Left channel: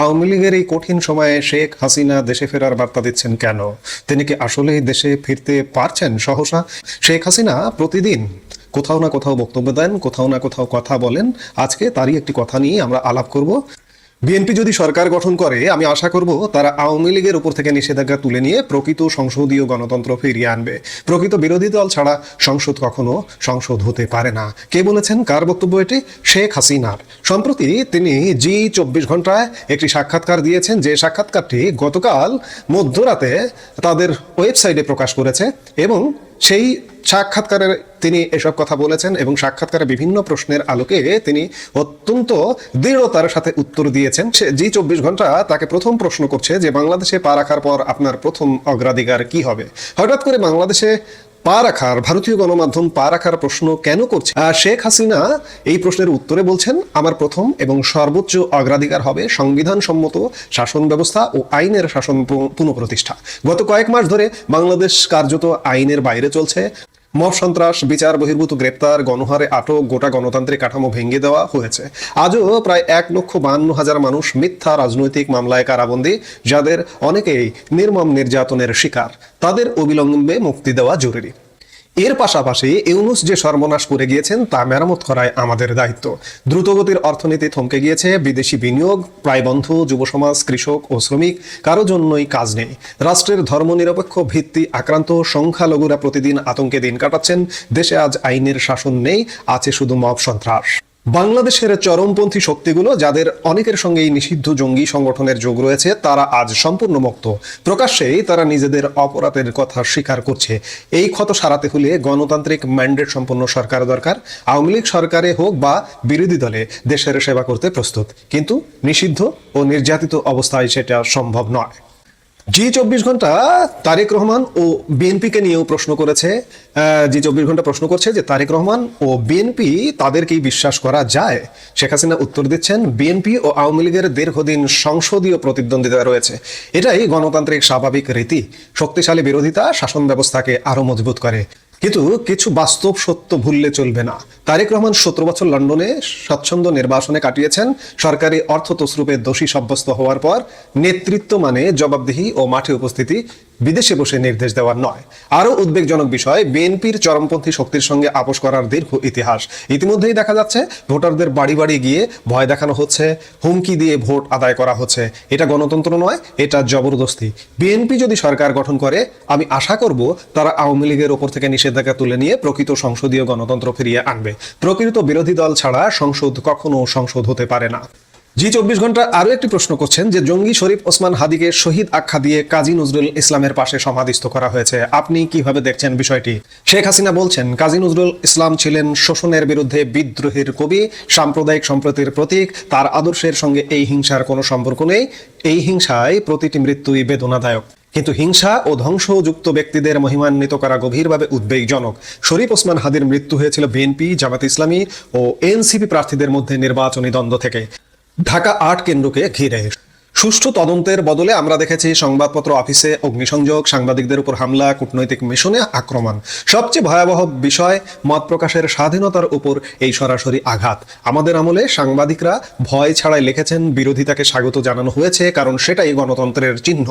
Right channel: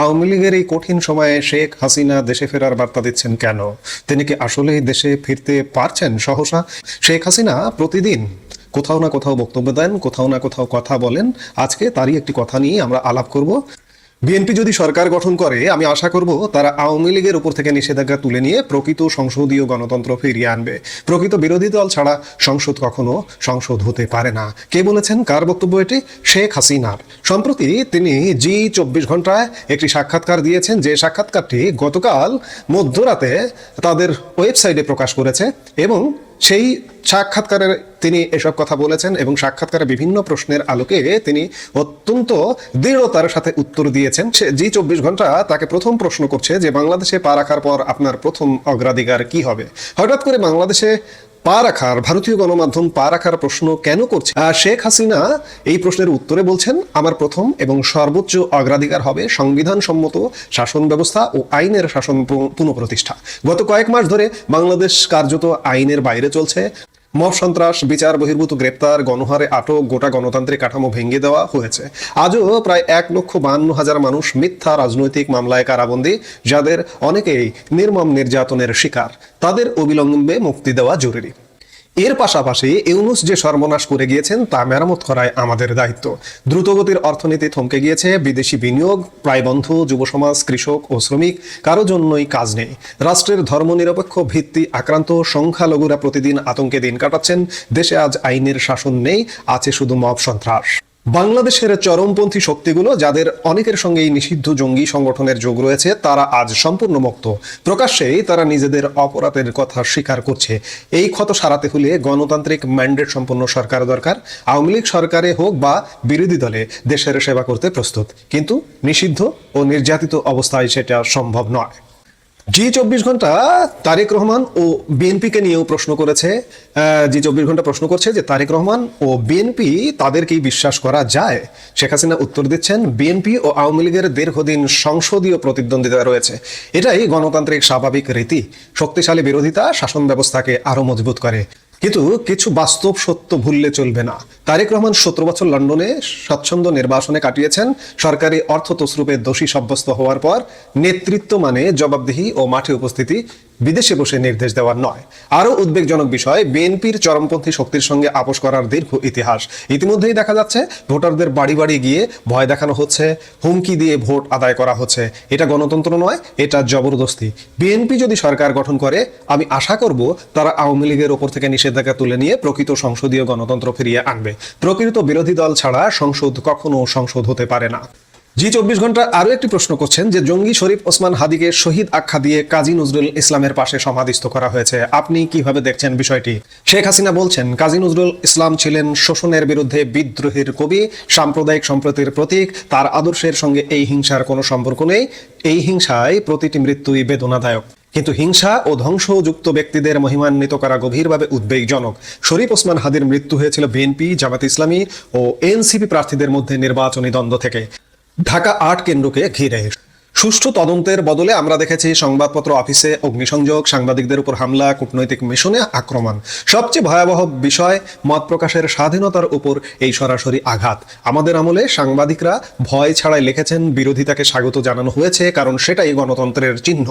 আওয়ামী লীগের এই কঠিন সময়ে শেখ হাসিনা দেশে ফেরার বার্তা দিচ্ছেন কেন? তিনি কি আসলেই দেশে ফিরতে পারছেন সহসা? শেখ হাসিনা প্রতিদিন কোথাও না কোথাও বক্তব্য দেন, কোথাও না কোথাও কথা বলেন। আজকে তারই একটি কথা নিয়ে আমরা আলাপ করব। বিএনপি যদি সরকার গঠন করে, আমি আশা করব তারা আওয়ামী লীগের উপর থেকে নিষেধাজ্ঞা তুলে নিয়ে প্রকৃত সংসদীয় গণতন্ত্র ফিরিয়ে আনবে। প্রকৃত বিরোধী দল ছাড়া সংসদ কখনো সংসদ হতে পারে না। কে বলেছেন? কার বক্তব্য এটি? শেখ হাসিনার। সম্প্রতি তিনি জি 24 ঘন্টায় একটি সাক্ষাৎকার দিয়েছেন, যে সাক্ষাৎকারটি গতকাল মধ্যরাতে তাদের ওয়েবসাইটে প্রকাশ করেছে এবং সেই সাক্ষাৎকারে তিনি এসব কথা বলেছেন এবং সাক্ষাৎকারে বিভিন্ন প্রশ্নের আলোকে তিনি অত্যন্ত দৃঢ়তার সাথে উত্তর দিয়েছেন। জি 24 ঘন্টা তাকে প্রথম প্রশ্ন করছে যে বাংলাদেশে পা রাখার পর আপনার প্রথম অগ্রাধিকার কি হবে। হঠাৎ করে বাংলাদেশে পা রাখার, ভারতীয় গণমাধ্যম পা রাখার প্রশ্ন কেন করছে? শেখ হাসিনা এই প্রশ্নের উত্তরে বলছেন, আমার প্রথম এবং সর্বোচ্চ অগ্রাধিকার হবে সংবিধান সম্মত শাসন ব্যবস্থা ও আইনের শাসন পুনঃপ্রতিষ্ঠা। গত কয়েক মাস ধরে বাংলাদেশ কার্যত আইনের বাইরে চলছে। মব সন্ত্রাস, বিচার বহির্ভূত গ্রেপ্তার, গণহারে আটক, গোটা গণতান্ত্রিক কাঠামো ভেঙে দেওয়া হয়েছে। আজও প্রায় 1,52,000 মানুষ মিথ্যা রাজনৈতিক মামলায় কারাবন্দী, যাদের অনেকেই নির্মম নির্যাতনের শিকার। তাদের অবিলম্বে মুক্তি দেওয়া জরুরি। এর পাশাপাশি ইউনূস যে সর্বনাশ করে গিয়েছেন তা মেরামত করাই আমাদের দায়িত্ব। দ্রুতগতির অর্থনীতি থমকে গিয়েছে, বিদেশি বিনিয়োগ প্রায় বন্ধ, যুব সমাজ, কৃষক ও শ্রমিক কারো জন্যই কাজ নেই। রাষ্ট্রের ধর্মনিরপেক্ষ ভিত্তি আক্রান্ত, সংখ্যালঘুরা প্রতিদিন আতঙ্কে দিন কাটাচ্ছেন। দেশে আজ আইনের শাসন নেই, আছে শুধু মব সন্ত্রাস। বাংলাদেশের চরমপন্থী শক্তিগুলো, যাদের অনেকের সঙ্গেই নিষিদ্ধ জঙ্গি সংগঠনের যোগ রয়েছে, তারা আজ সম্পূর্ণ মুক্ত। প্রকাশ্যেই তারা নিজেদের অপরাধের কথা স্বীকার করছে। এই ক্ষত সারাতে হলে গণতান্ত্রিক ম্যান্ডেট সম্পন্ন সরকার দরকার। আওয়ামী লীগ সরকারে হোক বা বিরোধী দলে দেশের সেবা করতে প্রস্তুত, কিন্তু নিষিদ্ধ ও নির্যাতিত অবস্থায় সেটা সম্ভব নয়। জি 24 ঘন্টা তারেক রহমান ও বিএনপিকে নিয়েও প্রশ্ন করেছে। জি 24 ঘন্টা প্রশ্ন করছে যে তারেক রহমান ও বিএনপি তাদেরকে বিশ্বাস করা যায়? শেখ হাসিনা উত্তর দিচ্ছেন, বিএনপি ও আওয়ামী লীগের দীর্ঘদিন সংসদীয় প্রতিদ্বন্দ্বিতা রয়েছে। এটাই গণতান্ত্রিক স্বাভাবিক রীতি। শক্তিশালী বিরোধিতা শাসন ব্যবস্থাকে আরো মজবুত করে। কিন্তু কিছু বাস্তব সত্য ভুললে চলবে না। তারেক রহমান 17 বছর লন্ডনে স্বচ্ছন্দ নির্বাসনে কাটিয়েছেন। সরকারি অর্থ তছরুপে দোষী সাব্যস্ত হওয়ার পর নেতৃত্ব মানে জবাবদিহি ও মাঠে উপস্থিতি, বিদেশে বসে নির্দেশ দেওয়ার নয়। আরো উদ্বেগজনক বিষয়, বিএনপির চরমপন্থী শক্তির সঙ্গে আপোষ করার দীর্ঘ ইতিহাস। ইতিমধ্যেই দেখা যাচ্ছে ভোটারদের বাড়ি বাড়ি গিয়ে ভয় দেখানো হচ্ছে, হুমকি দিয়ে ভোট আদায় করা হচ্ছে। এটা গণতন্ত্র নয়, এটা জবরদস্তি। বিএনপি যদি সরকার গঠন করে, আমি আশা করব তারা আওয়ামী লীগের ওপর থেকে নিষেধাজ্ঞা তুলে নিয়ে প্রকৃত সংসদীয় গণতন্ত্র ফিরিয়ে আনবে। প্রকৃত বিরোধী দল ছাড়া সংসদ কখনো সংসদ হতে পারে না। জি 24 ঘন্টা আরো একটি প্রশ্ন করছেন যে জঙ্গি শরীফ ওসমান হাদিকে শহীদ আখ্যা দিয়ে কাজী নজরুল ইসলামের পাশে সমাধিস্থ করা হয়েছে। আপনি কিভাবে দেখছেন বিষয়টি? শেখ হাসিনা বলছেন, কাজী নজরুল ইসলাম ছিলেন শোষণের বিরুদ্ধে বিদ্রোহের কবি, সাম্প্রদায়িক সম্প্রীতির প্রতীক। তার আদর্শের সঙ্গে এই হিংসার কোনো সম্পর্ক নেই। এই হিংসায় প্রতিটি মৃত্যুই বেদনাদায়ক, কিন্তু হিংসা ও ধ্বংসযুক্ত ব্যক্তিদের মহিমান্বিত করা গভীরভাবে উদ্বেগজনক। শরীফ ওসমান হাদির মৃত্যু হয়েছিল বিএনপি, জামাত ইসলামী ও এনসিপি প্রার্থীদের মধ্যে নির্বাচনী দ্বন্দ্ব থেকে। ঢাকা ৮ কেন্দ্রকে ঘিরে সুষ্ঠু তদন্তের বদলে আমরা দেখেছি সংবাদপত্র অফিসে অগ্নিসংযোগ, সাংবাদিকদের উপর হামলা, কূটনৈতিক মিশনে আক্রমণ। সবচেয়ে ভয়াবহ বিষয়, মত প্রকাশের স্বাধীনতার উপর এই সরাসরি আঘাত। আমাদের আমলে সাংবাদিকরা ভয় ছাড়াই লিখেছেন, বিরোধিতাকে স্বাগত জানানো হয়েছে, কারণ সেটাই গণতন্ত্রের চিহ্ন।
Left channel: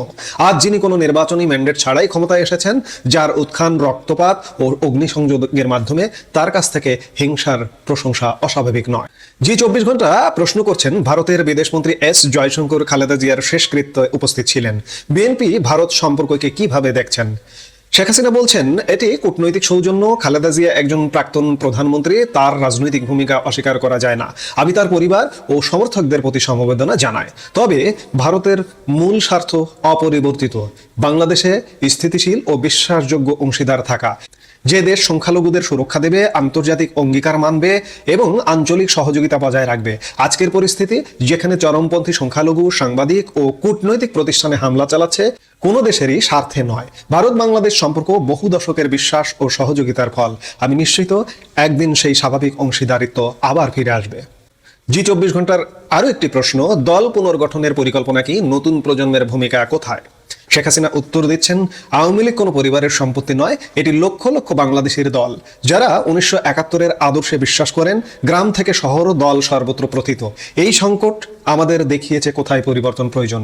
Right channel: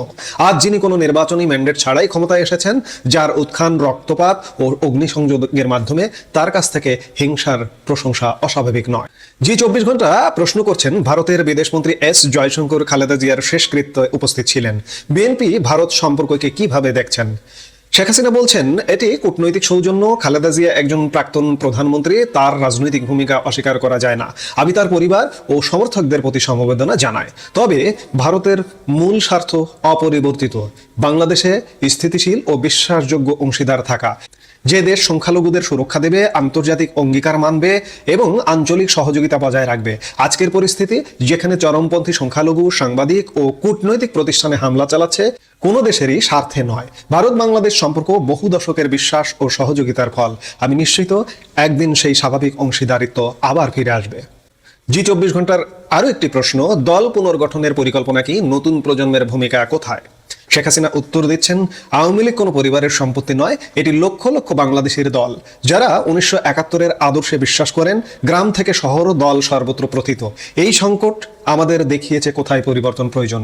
আজ যিনি কোনো নির্বাচনী ম্যান্ডেট ছাড়াই ক্ষমতায় এসেছেন, যার উত্থান রক্তপাত ও অগ্নিসংযোগের মাধ্যমে, তার কাছ থেকে হিংসার প্রশংসা অস্বাভাবিক নয়। জি 24 ঘন্টা প্রশ্ন করছেন, ভারতের বিদেশমন্ত্রী এস জয়শঙ্কর খালেদা জিয়ার শেষকৃত্যে উপস্থিত ছিলেন। বিএনপি ভারত সম্পর্ককে কিভাবে দেখছেন? শেখ হাসিনা বলছেন, এটি কূটনৈতিক সৌজন্য। খালেদা জিয়া একজন প্রাক্তন প্রধানমন্ত্রী, তার রাজনৈতিক ভূমিকা অস্বীকার করা যায় না। আমি তার পরিবার ও সমর্থকদের প্রতি সমবেদনা জানাই। তবে ভারতের মূল স্বার্থ অপরিবর্তিত, বাংলাদেশে স্থিতিশীল ও বিশ্বাসযোগ্য অংশীদার থাকা। যে দেশ সংখ্যালঘুদের সুরক্ষা দেবে, আন্তর্জাতিক অঙ্গীকার মানবে এবং আঞ্চলিক সহযোগিতা বজায় রাখবে। আজকের পরিস্থিতি, যেখানে চরমপন্থী সংখ্যালঘু সাংবাদিক ও কূটনৈতিক প্রতিষ্ঠানে হামলা চালাচ্ছে, কোনো দেশেরই স্বার্থে নয়। ভারত বাংলাদেশ সম্পর্ক বহু দশকের বিশ্বাস ও সহযোগিতার ফল। আমি নিশ্চিত একদিন সেই স্বাভাবিক অংশীদারিত্ব আবার ফিরে আসবে। জি 24 ঘন্টার আরো একটি প্রশ্ন, দল পুনর্গঠনের পরিকল্পনা কি? নতুন প্রজন্মের ভূমিকা কোথায়? শেখ হাসিনা উত্তর দিচ্ছেন, আওয়ামী লীগ কোনো পরিবারের সম্পত্তি নয়, এটি লক্ষ লক্ষ বাংলাদেশের দল, যারা 1971-এর আদর্শে বিশ্বাস করেন। গ্রাম থেকে শহর, দল সর্বত্র প্রথিত। এই সংকট আমাদের দেখিয়েছে কোথায় পরিবর্তন প্রয়োজন।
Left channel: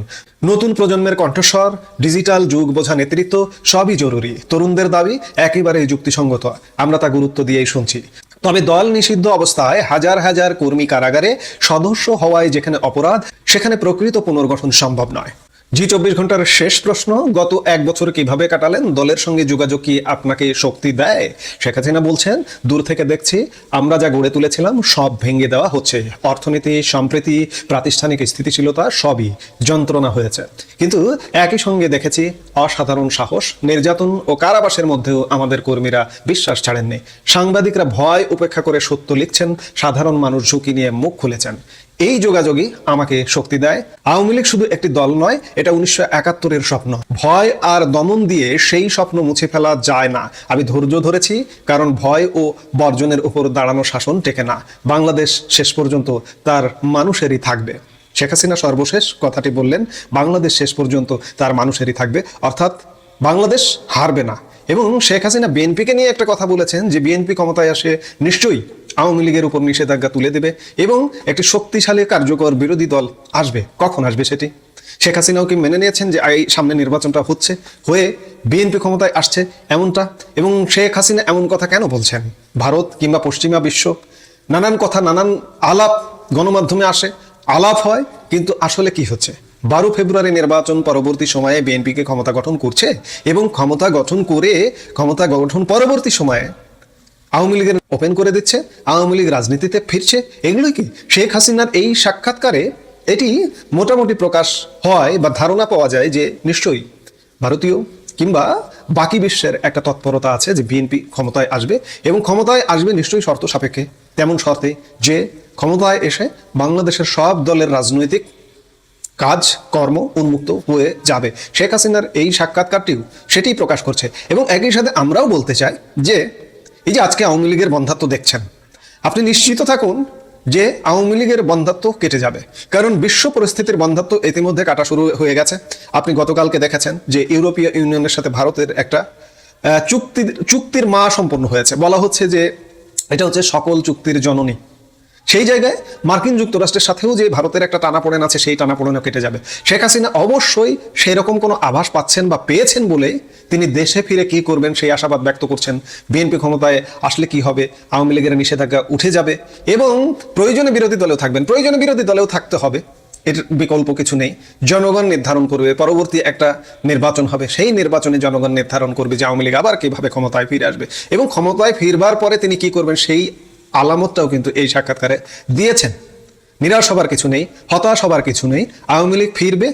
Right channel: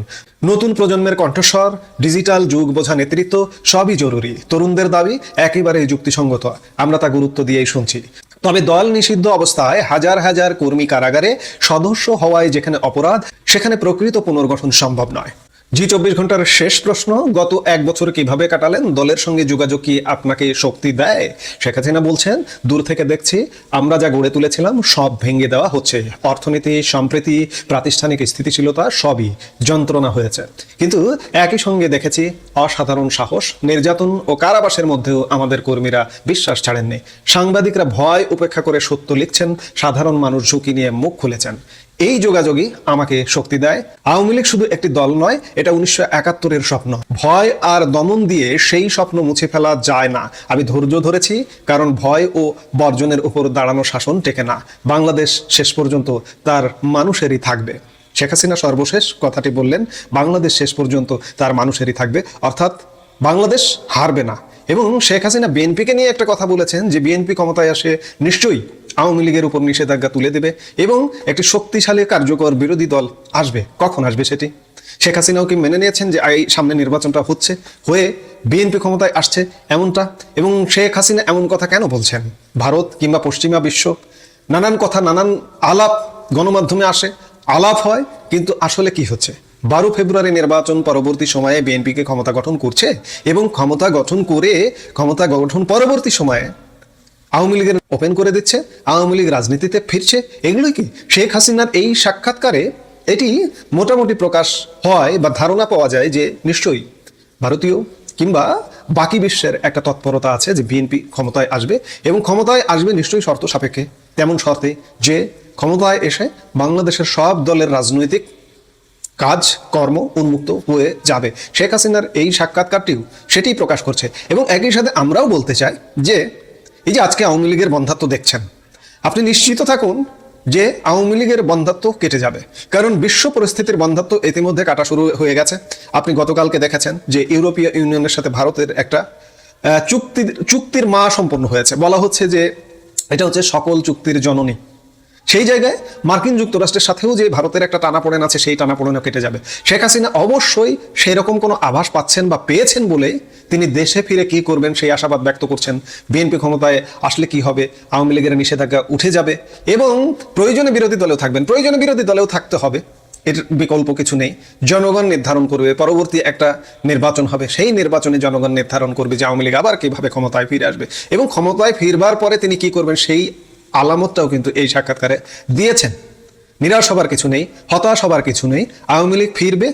নতুন প্রজন্মের কণ্ঠস্বর, ডিজিটাল যুগ বোঝা নেতৃত্ব সবই জরুরি। তরুণদের দাবি একেবারেই যুক্তিসঙ্গত, আমরা তা গুরুত্ব দিয়েই শুনছি। তবে দল নিষিদ্ধ অবস্থায় হাজার হাজার কর্মী কারাগারে, সদস্য হওয়ায় যেখানে অপরাধ, সেখানে প্রকৃত পুনর্গঠন সম্ভব নয়। জি 24 ঘন্টার শেষ প্রশ্ন, গত এক বছর কিভাবে কাটালেন? দলের সঙ্গে যোগাযোগ কি আপনাকে শক্তি দেয়? শেখ হাসিনা বলছেন, দূর থেকে দেখছে আমরা যা গড়ে তুলেছিলাম সব ভেঙে দেওয়া হচ্ছে। অর্থনীতি, সম্প্রীতি, প্রাতিষ্ঠানিক স্থিতিশীলতা সবই যন্ত্রণা হয়েছে। কিন্তু একই সঙ্গে দেখেছে অসাধারণ সাহস। নির্যাতন ও কারাবাসের মধ্যেও আমাদের কর্মীরা বিশ্বাস ছাড়েননি। সাংবাদিকরা ভয় উপেক্ষা করে সত্য লিখছেন, সাধারণ মানুষ ঝুঁকি নিয়ে মুখ খুলেছেন। এই যোগাযোগই আমাকে শক্তি দেয়। আওয়ামী লীগ শুধু একটি দল নয়, এটা 1971-এর স্বপ্ন। ভয় আর দমন দিয়ে সেই স্বপ্ন মুছে ফেলা যায় না। আমি ধৈর্য ধরেছি, কারণ ভয় ও বর্জনের উপর দাঁড়ানো শাসন টেকে না। বাংলাদেশ শেষ পর্যন্ত তার মানুষেরই থাকবে। শেখ হাসিনা সর্বশেষ কথাটি বললেন, বাংলাদেশ শেষ পর্যন্ত তার মানুষেরই থাকবে, অর্থাৎ বাংলাদেশ হারবে না। এবং শেখ হাসিনা বিএনপিকে নিয়ে একটা কথা বলেছেন যে বিএনপি ক্ষমতায় আসে নিশ্চয়ই আওয়ামী লীগের উপর নিষেধাজ্ঞা তুলে দেবে এবং একটি শক্তিশালী কার্যকর বিরোধী দল আসবে। কখন আসবে সেটি শেখ হাসিনাও কি মেনে নিয়েছেন যে এই সামনে নির্বাচনটা হয়ে বিএনপি ক্ষমতায় আসছে এমনটা? এবং শেখ হাসিনা এমন কথা কেন বলছেন? ভারত কিংবা পশ্চিমা বিশ্ব নানান কথা, নানান আলাপ গণমাধ্যমে আসে, আলাপ হয়, কিন্তু আসলে কি হচ্ছে? 12 ফেব্রুয়ারি নির্বাচন পরবর্তী সময়ে বিএনপিকে ক্ষমতা গঠন করছে এবং ক্ষমতা গঠন পরবর্তী সময়ে আওয়ামী লীগের ওপেন করে দিচ্ছে, আওয়ামী লীগ রাজনীতিতে ফিরছে। এগুলো কি শেখ হাসিনার এই সাক্ষাৎকারে এটি মোটামুটি প্রকাশ হয় বা ধারণা পাওয়া যায় যে নিশ্চয়ই ভারতীয় কিংবা বাকি বিশ্বের একটা তৎপরতা আছে যে বিএনপি ক্ষমতায় আসবে এবং ক্ষমতায় আসবে নিশ্চয়ই শর্ত সাপেক্ষে। তেমন শর্তে যে ক্ষমতায় এসে বাংলাদেশের সব দলের রাজনৈতিক কাজ কর্ম উন্মুক্ত হয়ে যাবে। শেখ হাসিনার এই সাক্ষাৎকারটিও সেটি প্রকাশ করছে। এবং একই সাথে আমরাও বলতে চাই যে এই যে আজকে আওয়ামী লীগের বন্ধাত্ব দেখছেন, আপনি নিশ্চিত থাকুন যে আওয়ামী লীগের বন্ধাত্ব কেটে যাবে, কারণ বিশ্ব পরিস্থিতির বন্ধাত্ব ইতিমধ্যে কাটা শুরু হয়ে গেছে। আপনি গতকালকে দেখেছেন যে ইউরোপীয় ইউনিয়নের সাথে ভারতের একটা চুক্তির মা সম্পন্ন হয়েছে। বলা হচ্ছে যে এটা হচ্ছে সকল চুক্তির জননী। সেই জায়গায় মার্কিন যুক্তরাষ্ট্রের সাথেও যে ভারতের একটা টানাপোড়েন আছে, সেই টানাপোড়েনও কেটে যাবে। শেখ হাসিনা অবশ্যই সেরকম কোনো আভাস পাচ্ছেন বা পেয়েছেন বলেই তিনি দেশে ফিরে কি করবেন সেই আশাবাদ ব্যক্ত করছেন। বিএনপি ক্ষমতায় আসলে কি হবে? আওয়ামী লীগের নিষেধাজ্ঞা উঠে যাবে এবং প্রয়োজনে বিরোধী দলেও থাকবেন, প্রয়োজনে বিরোধী দলেও থাকতে হবে, এর বিকল্প কিছু নেই। জনগণ নির্ধারণ করবে, পরবর্তী একটা নির্বাচন হবে, সেই নির্বাচনে জনগণ নির্ধারণ করবে যে আওয়ামী লীগ আবার কিভাবে ক্ষমতায় ফিরে আসবে এবং ক্ষমতায় ফিরবার পরে তিনি কি করবেন সেই আলামতটাও কিন্তু এই সাক্ষাৎকারে দিয়েছেন। নিরাশ হবার কিছু নেই, হতাশ হবার কিছু নেই, আওয়ামী লীগ ফিরবে,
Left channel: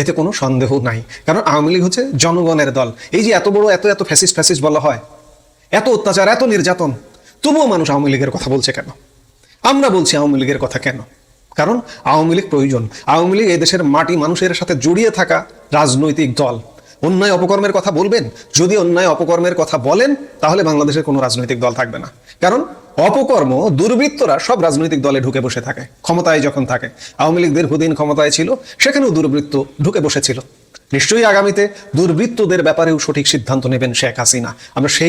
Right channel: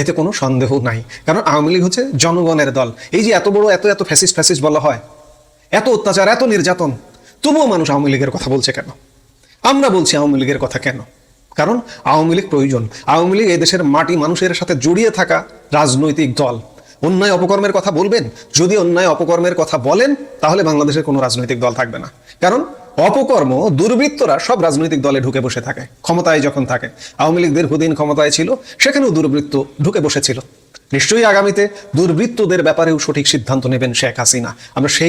এতে কোনো সন্দেহ নাই। কারণ আওয়ামী লীগ হচ্ছে জনগণের দল। এই যে এত বড় এত ফ্যাসিস্ট বলা হয়, এত অত্যাচার, এত নির্যাতন, তবুও মানুষ আওয়ামী লীগের কথা বলছে কেন? আমরা বলছি আওয়ামী লীগের কথা কেন? কারণ আওয়ামী লীগ প্রয়োজন। আওয়ামী লীগ এই দেশের মাটি মানুষের সাথে জড়িয়ে থাকা রাজনৈতিক দল। অন্যায় অপকর্মের কথা বলবেন? যদি অন্যায় অপকর্মের কথা বলেন তাহলে বাংলাদেশের কোনো রাজনৈতিক দল থাকবে না। কারণ অপকর্ম, দুর্বৃত্তরা সব রাজনৈতিক দলে ঢুকে বসে থাকে ক্ষমতায় যখন থাকে। আওয়ামী লীগ দীর্ঘদিন ক্ষমতায় ছিল, সেখানেও দুর্বৃত্ত ঢুকে বসেছিল। নিশ্চয়ই আগামীতে দুর্বৃত্তদের ব্যাপারেও সঠিক সিদ্ধান্ত নেবেন শেখ হাসিনা। আমরা সেই